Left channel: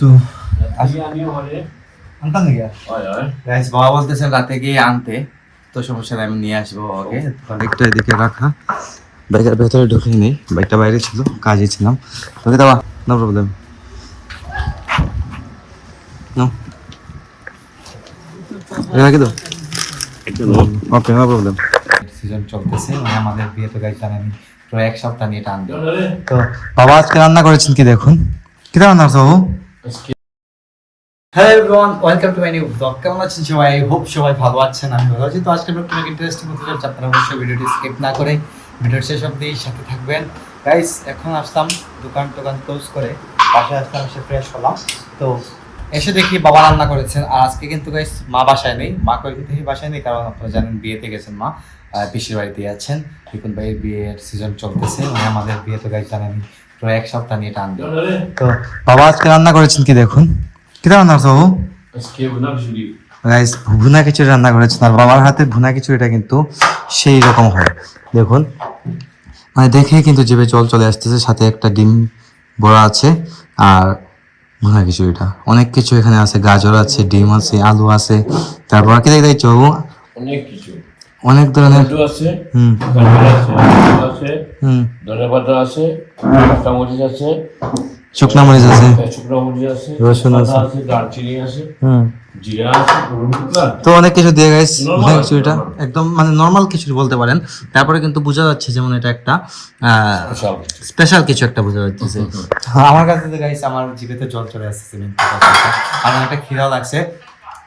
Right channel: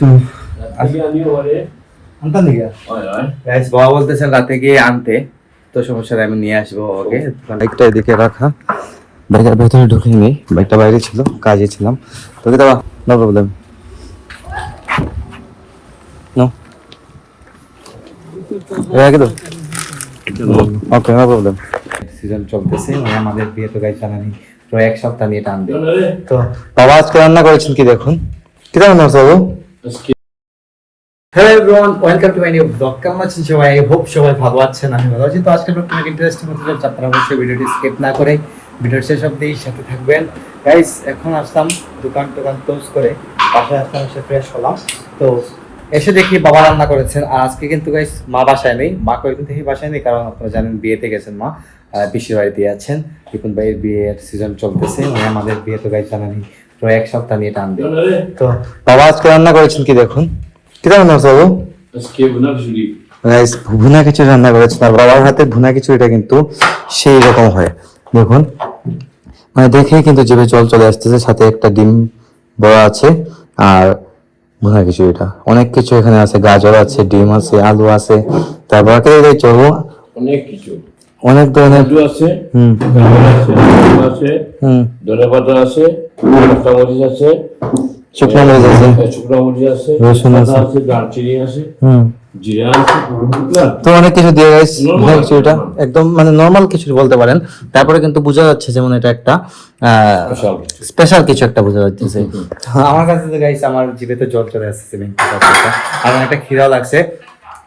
তো বাবা বলতেছেন রাতে গিয়ে আনতে, তো সমস্যা নেই, আমি নিয়ে আসবো ওকে। বাইকটা এদিকে রাখা, বাইকের ভেতরে ঢুকিনি, বাইকটা বাইরে ছিল, কাজে ছিলাম। তোকে দেওয়া নো প্রবলেম, নো রেখে দাও, ওকে নো প্রবলেম। সিজন চলতেছে, মানে আমাদের বিয়ে তো গাইতে আমি প্রায় এক সপ্তাহ নিয়ে টানবে। তো বাবা আজকে রান্না করেছেন কি দেখুন, কি রান্না করছে বাবু? Hello everyone, welcome to my new blog. কেমন আছেন সবাই? আই হোপ সবাই ভালো আছেন, আমি ভালো আছি। তো আজকে ব্লগটা অনেক ইন্টারেস্টিং হতে যাচ্ছে, আপনারা অবশ্যই ভিডিওটি স্কিপ না করে ভিডিওর শেষ অবধি সাথে থাকবেন। গাইস এখন আসলাম দোকান ক্লোজ করে, বাসায় আসলাম, এসে ফ্রেশ হলাম। তো এসে দেখি বাবা রান্না করেছেন। আর আজকে কিন্তু গাইস মা বাসায় নেই, মা কয়েকদিন থেকে বাসায় নেই, কারণ আপনারা জানেন বিয়েতে গেছেন মা, পিসির বাড়িতে আছেন। বিপুল ভাইয়ের বিয়ের সিজন চলতেছে, মানে আমাদের বিয়ে তো গাইস জানেন প্রায় এক সপ্তাহ নিয়ে টানবে। তো বাবা আজকে রান্না করেছেন কি দেখুন, কি রান্না করছে বাবু? গাইস ভুনা খিচুড়ি রান্না করেছেন। আর বাবার হাতে ভুনা খিচুড়িটা কিন্তু সেই রকম হয়, দেখুন, মানে দেখেই কিন্তু জিভে জল চলে আসতেছে। সাথে একটা ডিম বড়া আছে, আর ভুনা খিচুড়িটা অনেক কিছু এখানে আছে, গাজর আছে, ডিম আছে, আলু আছে, তারপর কে দিয়েছো অনেক কিছু, অনেক ধরনের আছে, হুম আছে, হুম ধনেপাতা আছে, কাঁচামরিচ আছে, শুকনো মরিচ আছে, শুকনো মরিচ আছে, রসুন আছে, আছে, দারচিনি আছে, হুম জিরা আছে, বুঝলা? তো অনেক কিছু দিয়ে গাইস Normal, ভুনা খিচুড়িটা normal. একদম মানে নর্মাল খিচুড়ি বলতে পারেন। তারপরে কিন্তু বোঝা যাচ্ছে যেমন এটা একটা Special. স্পেশাল কিছু একটা বোঝা যাচ্ছে। আমার কাছে তো গাইস আমার জিভে তো জল চলে আসছে, আমার একটা খিদাও লাগছে।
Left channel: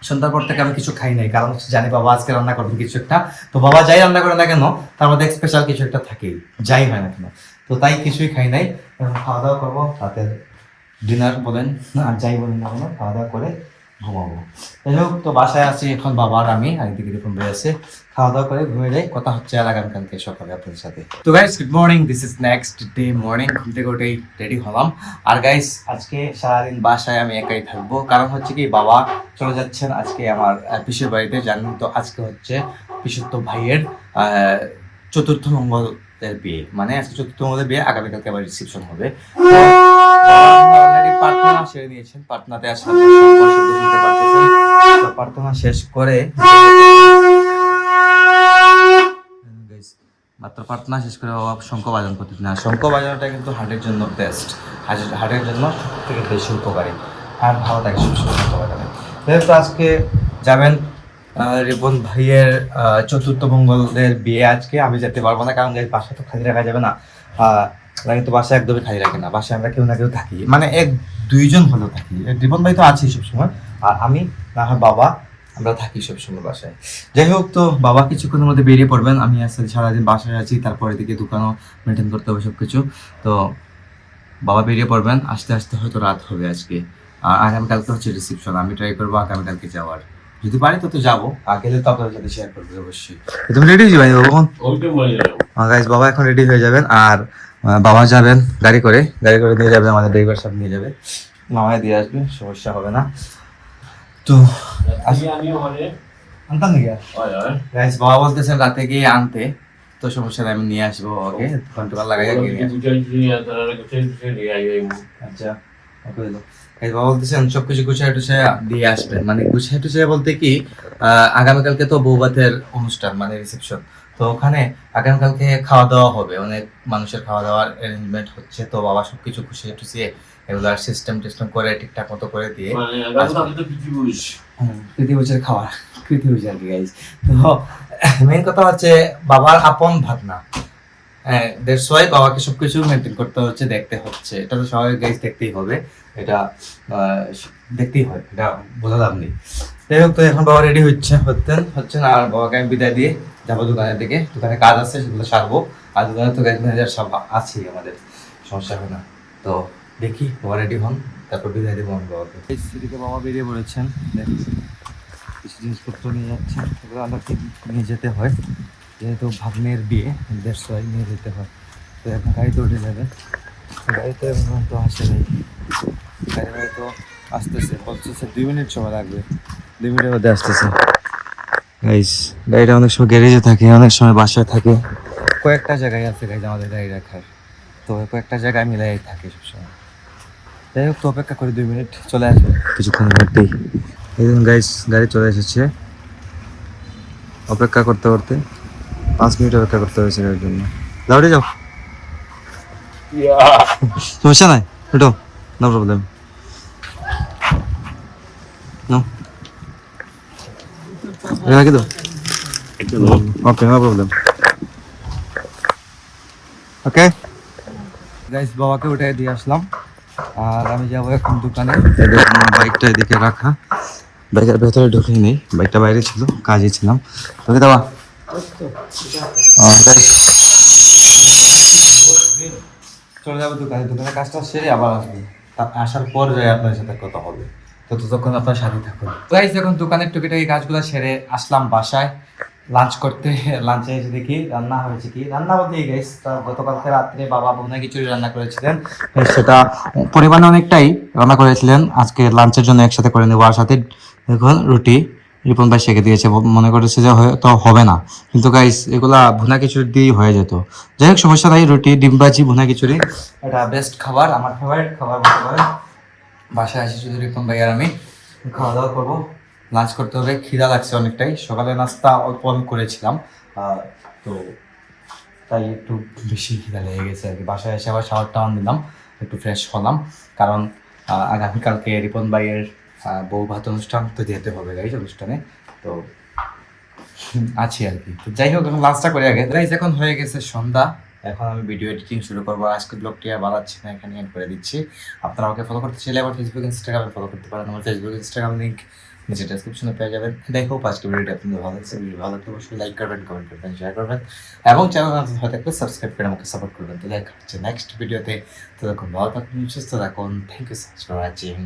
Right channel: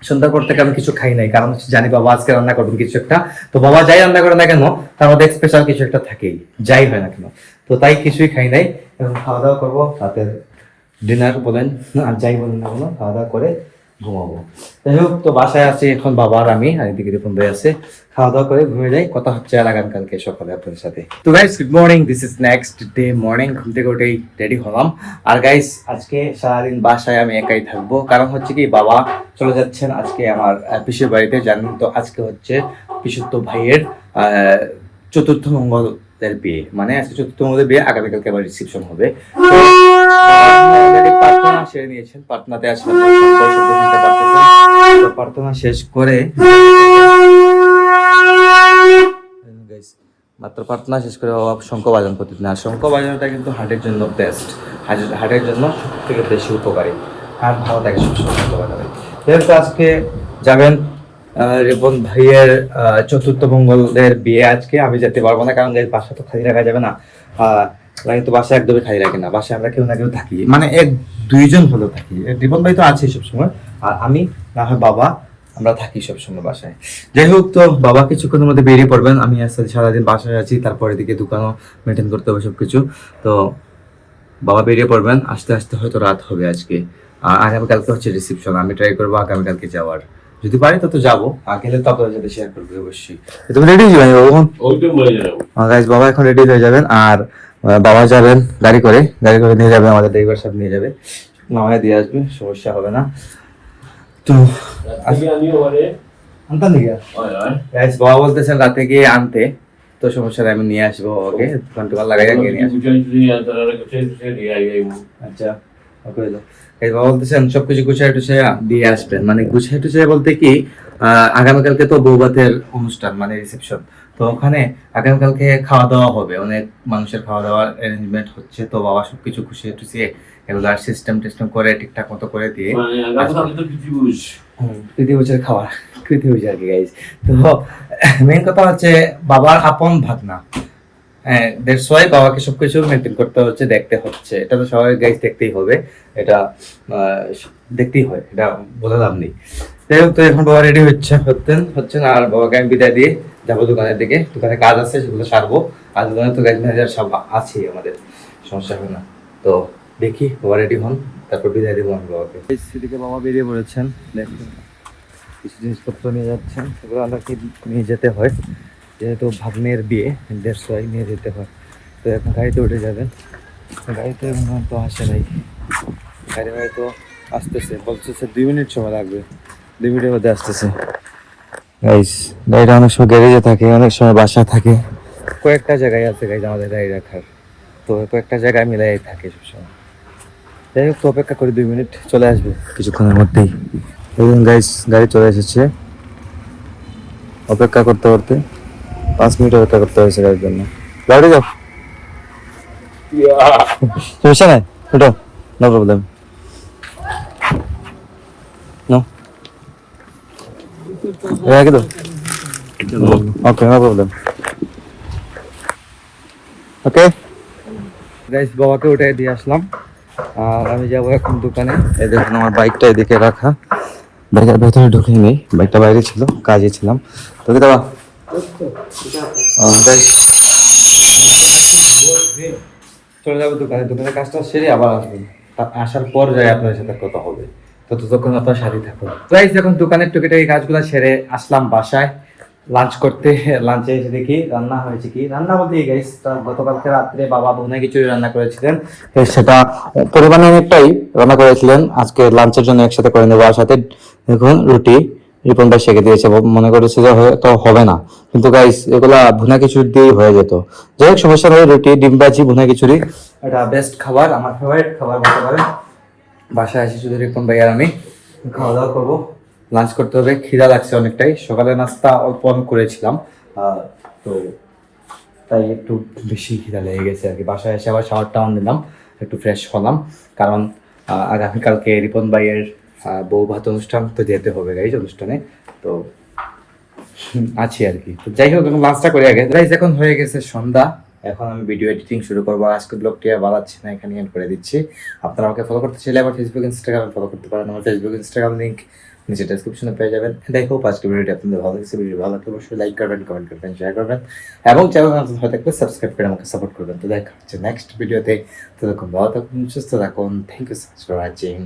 সন্ধ্যার পর থেকে আমি কিছু খাই নাই, কারণ হচ্ছে জানি বাবা আজকে রান্না করবেন কিছু একটা। তো বাবা যাই রান্না করে না কেন, তার মধ্যে স্পেশাল কিছু একটা থাকেই, যাই হয় না কেন। তো তাই কিছুই খাই নাই, এখন খাওয়া দাওয়া করবো, রাতের ডিনার বলেন আর যাই বলেন না বলেন, খাওয়া দাওয়া করে ঘুমাবো। যাই হোক, তো বাসায় আছি এখন বাবা আর আমি, আর এদিকে এরকম ভাই আছে। খাওয়া দাওয়া করে ঘুমিয়ে যাই, কথা হচ্ছে আর আগামীকালকে সকালে আপনাদের সাথে। তো guys good morning, this is next day morning. ঘুম থেকে উঠেই রেডি হলাম। আর গাইস আজকে সারাদিন বাসায় আমি একাই থাকবো, কারণ হচ্ছে কি বাবা চলে যাচ্ছেন আজকে আমার পিসির বাড়িতে। জানেন তো আজকে হচ্ছে পিসুত্ত ভাইয়ের চতুর্থ মঙ্গলের বিয়ে, মানে আজকে চতুর্থ মঙ্গলের বিয়ে, আগামীকালকে আবার রিসেপশন হবে। তো অলরেডি প্রার্থনা সেরে নিয়েছেন, প্রার্থনাতে আসলে শব্দ শুনতে পারতেছেন। তো প্রার্থনা শেষ করে মাত্র প্রার্থনা শেষ করে বাবা শঙ্খ বাজান প্রতিদিন। আর শঙ্খ বাজানোটা কিন্তু হার্টের জন্য বেস্ট, হার্টের জন্য থেকে বেশি উপকারী, হার্ট ভালো থাকে সুস্থ। যেহেতু আজকে যাবেন রিপন ভাইয়ের চতুর্থ মঙ্গলের বিয়ে, আজকে আমি যেতে পারবো না, কারণ বাসা তো খালি রাখা যাবে না। আমরা কিন্তু বাসা একদমই খালি রাখি না, বাসায় আমরা কেউ না কেউ থাকি, মানে এক দুইজন হলেও থাকি। রিপন ভাই তো আছে সবসময়, আর আমি না হয় বাবা, আমরা থাকি সবসময় বাসায়। যাই হোক, তো বাবা কিছুক্ষণের মধ্যে বেরিয়ে পড়বেন, আমি আসলে সারাদিন বাসায় আছি, তারপর এদিকে দোকানও মেনটেন করতে হবে সবকিছু। তো বাবা বেরিয়ে পড়বেন, আস্তে আস্তে হয়তো রাত হবে আজকে। আগামীকালকে হচ্ছে রিসেপশন, আমি ট্রাই করবো আগামীকালকে যাওয়ার, যদি পারি তত যাবো, আর গেলে তো আপনাদের সাথে শেয়ার করবো অবশ্যই। তুমি রেডি হয়ে যাবে বাবা? ওইটা বলে যাবো। গাইস বাবা এখন রেডি হয়ে যাবেন, আর বাবা যাবেন গাড়ি করে নিয়ে যাবে, আমাদের ড্রাইভার সাহেব নিয়ে যাবে, মামা দিয়ে আসবে, সমস্যা হবে না। তো আনতাম নাকি গাইস, বাবা বলতেছেন রাতে গিয়ে আনতে, তো সমস্যা নেই, আমি নিয়ে আসবো ওকে, দোকান লাগাই গিয়ে নিয়ে আসবো। আচ্ছা বাবা বলতেছেন সবকিছু গুছাই টুছাই দিয়ে আসবেন, মানে গুছাই টুছাই বলতে কি আগামীকালকে তো বৌভাতের অনুষ্ঠান, মানে রিসেপশন। তো ওখানে আগামীকালকে খাওয়া দাওয়া হবে, অনেক মানুষের খাওয়া দাওয়ার অ্যারেঞ্জমেন্ট হচ্ছে। তো বাবা সবকিছু গুছিয়ে টুছিয়ে এগুলো সিস্টেম টিস্টেম করে ঠিকঠাক মতো করে দিয়ে পৃথিবীর খাবার পৃথিবী আর কি গাইজ। তো মেইন কথা হচ্ছে বাবার আপন ভাগনা, হ্যাঁ দ্যাটস ওয়াই বাবাকে সবকিছু মেনটেন করতে হচ্ছে, দেখতে হচ্ছে। এটা তো সবাই গাইজ দেখতেই হবে, এটা দেখতেই হয়, এটা বোঝা লাভ নেই। যাই হোক, তো এখন বাবা রেডি হচ্ছে না, আর বাবাকে আমি বিদায় দিয়ে যাবো দোকানের দিকে, দোকানে কাজ আছে সেগুলো সারবো। আর দোকানে তো গাইজ ম্যানেজার সব আছেই, আমাদের সমস্যা হবে না। তো দেখি বাবা রেডি হন, তারপর বিদায় দেবো আমি বাবাকে। সেদিকে বাবা বেরিয়ে পড়েছেন, কিছু জিনিসপত্র নিয়ে যাচ্ছেন, সেগুলো আমাকে নিয়ে যেতে হয়, যেহেতু ভাগ্নের বিয়ে, দেড় ওয়াই নিয়ে যেতে হয়। তো এখন গাড়িতে উঠে যাবেন, গাড়িতে এখন তো আসে নাই, গাড়ি হয়তো আসতেছে, বলতেছে 2 মিনিট সময় লাগবে, 2 মিনিটের মধ্যে আসতেছে। গাইস গাড়িটা অনেক সময় গ্যারেজে থাকে, অনেক সময় বাসা থাকে, কয়েকটা জায়গায় আছে গাইজ আমাদের গাড়ি রাখার, তো কয়েকটা জায়গায় মিলাই থাকে সবসময়। যাই হোক, তো অপেক্ষা করি 2 মিনিট, চলে আসবে কিছুক্ষণের মধ্যেই। দেখুন গাইস, গাড়ি চলে এসেছে। অপেক্ষা করতে করতে 5 মিনিট অপেক্ষা করতে হয়েছে গাড়ির জন্য। গাড়ি যাও, সমস্যা নাই, ওটো, নো প্রবলেম, নো রাখি দাও। ওকে, নো প্রবলেম। ওকে গাইস, বাবাকে উঠে দিয়ে আসলাম আর আমি যাবো এখন দোকানে। এই দেখুন আমার বাইকটা এদিকে রাখা, বাজার ভেতরে ঢুকিয়ে নেই, বাইকটা বাইরে ছিল, কাজে ছিলাম। তোকে দেওয়া গাইস, চলে যাবো দোকানে, দোকানের কাজটা সেরে আবার আসবো। আসার পর যাই আপনার সাথে কথা হবে, তো ততক্ষণ আপনার সাথে থাকুন গাইস। এখন দোকানের টুকিটাকি কাজগুলো সেরে আসলাম বাসায় লাঞ্চ করতে। লাঞ্চে এসে দেখি রান্না হয়েছে কি, রান্না বলতে গাইস গতকালকে রাত্রে বাবা ভুনা খিচুড়ি রান্না করেছিলেন, সেটা পরিমাণে অনেকটাই রান্না করেছিলেন। আজকে লাঞ্চের জন্য একসাথে করে নেবো। আর সাথে দেখুন রুটি রিপন ভাই সেঁকে দিয়েছে, মনে করেছে যে হয়তো হবে না, কিন্তু গাইস এগুলা ভুনা খিচুড়ি দিয়েই হয়ে যেত। যাই হোক, সমস্যা নেই, রুটি ডিম ভাজি ভুনা খিচুড়ি এটা বেস্ট খাবার, আমার ফেভারিট খাবার বলতে পারেন। বাসায় আসি শুধু রিপন ভাই আর আমি খাওয়া দাওয়া করবো, লাঞ্চ করতে হবে, খিদা লাগছে অনেকটাই। সকালে নাস্তা অল্প অল্প করেছিলাম, তো তাই একটু বেশি খিদা লেগে গেছে আর কি। বাসায় এসে আবার শাওয়ার টাওয়ার নিলাম, একটু ফ্রেশ হলাম, কারণ আগামীকালকে রিপন ভাইয়ের বউ ভাত অনুষ্ঠান, তো যেতে হবে গাইজ অনুষ্ঠানে, তো আছি আর কি। তো যাই হোক, এখন লাঞ্চটা করে আগে গাইজ। এখন হয়ে গেছে সন্ধ্যা, এখন আমি ভিডিও এডিটিং শুরু করবো। আজকে ব্লগটি আর বাড়াচ্ছি না, এখানে এন্ড করে দিচ্ছি। আপনারা আমাকে ফলো করতে চাইলে আমার ফেসবুক ইনস্টাগ্রামে ফলো করতে পারেন। আমার ফেসবুক ইনস্টাগ্রাম লিঙ্ক নিচে ডেসক্রিপশনে পেয়ে যাবেন। দেখো আজকে ভিডিওটি আপনাদের ভালো লাগছে, ভিডিও ভালো লাগলে অবশ্যই লাইক করবেন, কমেন্ট করবেন, শেয়ার করবেন এবং চ্যানেল হয়ে থাকলে সাবস্ক্রাইব করে আমাকে সাপোর্ট করবেন। তো দেখা হচ্ছে নেক্সট ভিডিওতে, ততক্ষণ ভালো থাকুন, সুস্থ থাকুন। Thank you so much for watching.